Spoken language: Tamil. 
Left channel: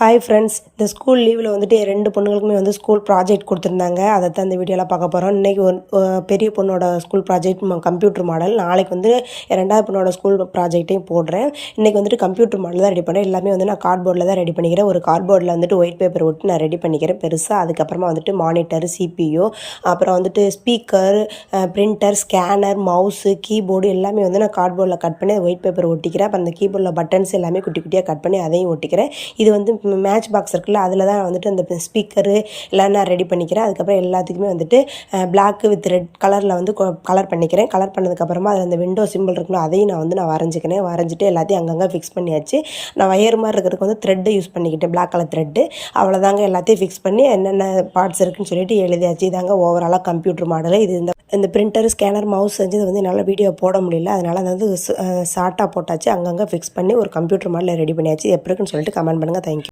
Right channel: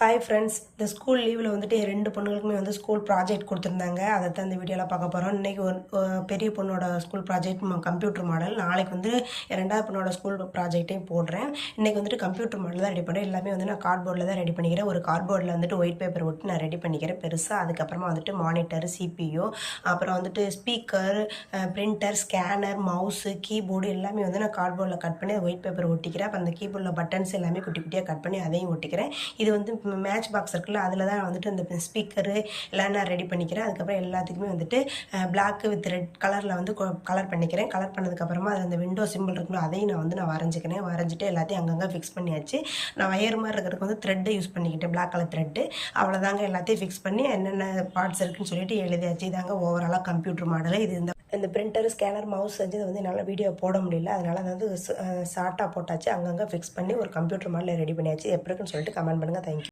ஹாய் ஃப்ரெண்ட்ஸ், இந்த ஸ்கூல் லீவில் வந்துட்டு என் 2 பொண்ணுங்களுக்குமே வந்து ஸ்கூல் ப்ராஜெக்ட் கொடுத்துருந்தாங்க. அதை தான் இந்த வீடியோவில் பார்க்க போகிறோம். இன்றைக்கி ஒரு பெரிய பொண்ணோட ஸ்கூல் ப்ராஜெக்ட் கம்ப்யூட்டர் மாடல். நாளைக்கு வந்து என் 2வது பொண்ணோட ஸ்கூல் ப்ராஜெக்ட்டையும் போடுறேன். இன்றைக்கி வந்துட்டு கம்ப்யூட்டர் மாடல் தான் ரெடி பண்ணுறேன். எல்லாமே வந்து நான் கார்ட்போர்டில் தான் ரெடி பண்ணிக்கிறேன். ஒரு கார்ட்போர்டில் வந்துட்டு ஒயிட் பேப்பர் ஒட்டி நான் ரெடி பண்ணிக்கிறேன் பெருசாக. அதுக்கப்புறமா வந்துட்டு மானிட்டர், CPU, அப்புறம் வந்துட்டு speaker, printer, scanner, mouse, keyboard எல்லாமே வந்து நான் கார்ட்போர்டில் கட் பண்ணி ஒயிட் பேப்பர் ஒட்டிக்கிறேன். அப்புறம் அந்த கீபோர்டில் பட்டன்ஸ் எல்லாமே குட்டி குட்டியாக கட் பண்ணி அதையும் ஒட்டிக்கிறேன். இது வந்து மேட்ச் பாக்ஸ் இருக்குல்ல, அதில் தான் வந்துட்டு அந்த ஸ்பீக்கரு எல்லாம் நான் ரெடி பண்ணிக்கிறேன். அதுக்கப்புறம் எல்லாத்துக்குமே வந்துட்டு பிளாக் வித் ரெட் கலரில் வந்து கலர் பண்ணிக்கிறேன். கலர் பண்ணதுக்கப்புறமா அதில் அந்த விண்டோ சிம்பிள் இருக்குல்ல, அதையும் நான் வரைஞ்சிக்கிறேன். வரைஞ்சிட்டு எல்லாத்தையும் அங்கங்கே ஃபிக்ஸ் பண்ணியாச்சு. நான் வயர் மாதிரி இருக்கிறதுக்கு வந்து த்ரெட்டு யூஸ் பண்ணிக்கிட்டேன், பிளாக் கலர் த்ரெட்டு. அவ்வளோதாங்க, எல்லாத்தையும் ஃபிக்ஸ் பண்ணி என்னென்ன பார்ட்ஸ் இருக்குன்னு சொல்லிட்டு எழுதியாச்சு. இதாங்க ஓவராலாக கம்ப்யூட்டர் மாடல். இது இந்த பிரிண்டர், ஸ்கேனர், மவுஸ் செஞ்சது வந்து என்னால் வீடியோ போட முடியல. அதனால் அதை வந்து ஷார்ட்டாக போட்டாச்சு. அங்கங்கே ஃபிக்ஸ் பண்ணி ஒரு கம்ப்யூட்டர் மாடலில் ரெடி பண்ணியாச்சு. எப்படி இருக்குன்னு சொல்லிட்டு கமெண்ட் பண்ணுங்கள். தேங்க்யூ.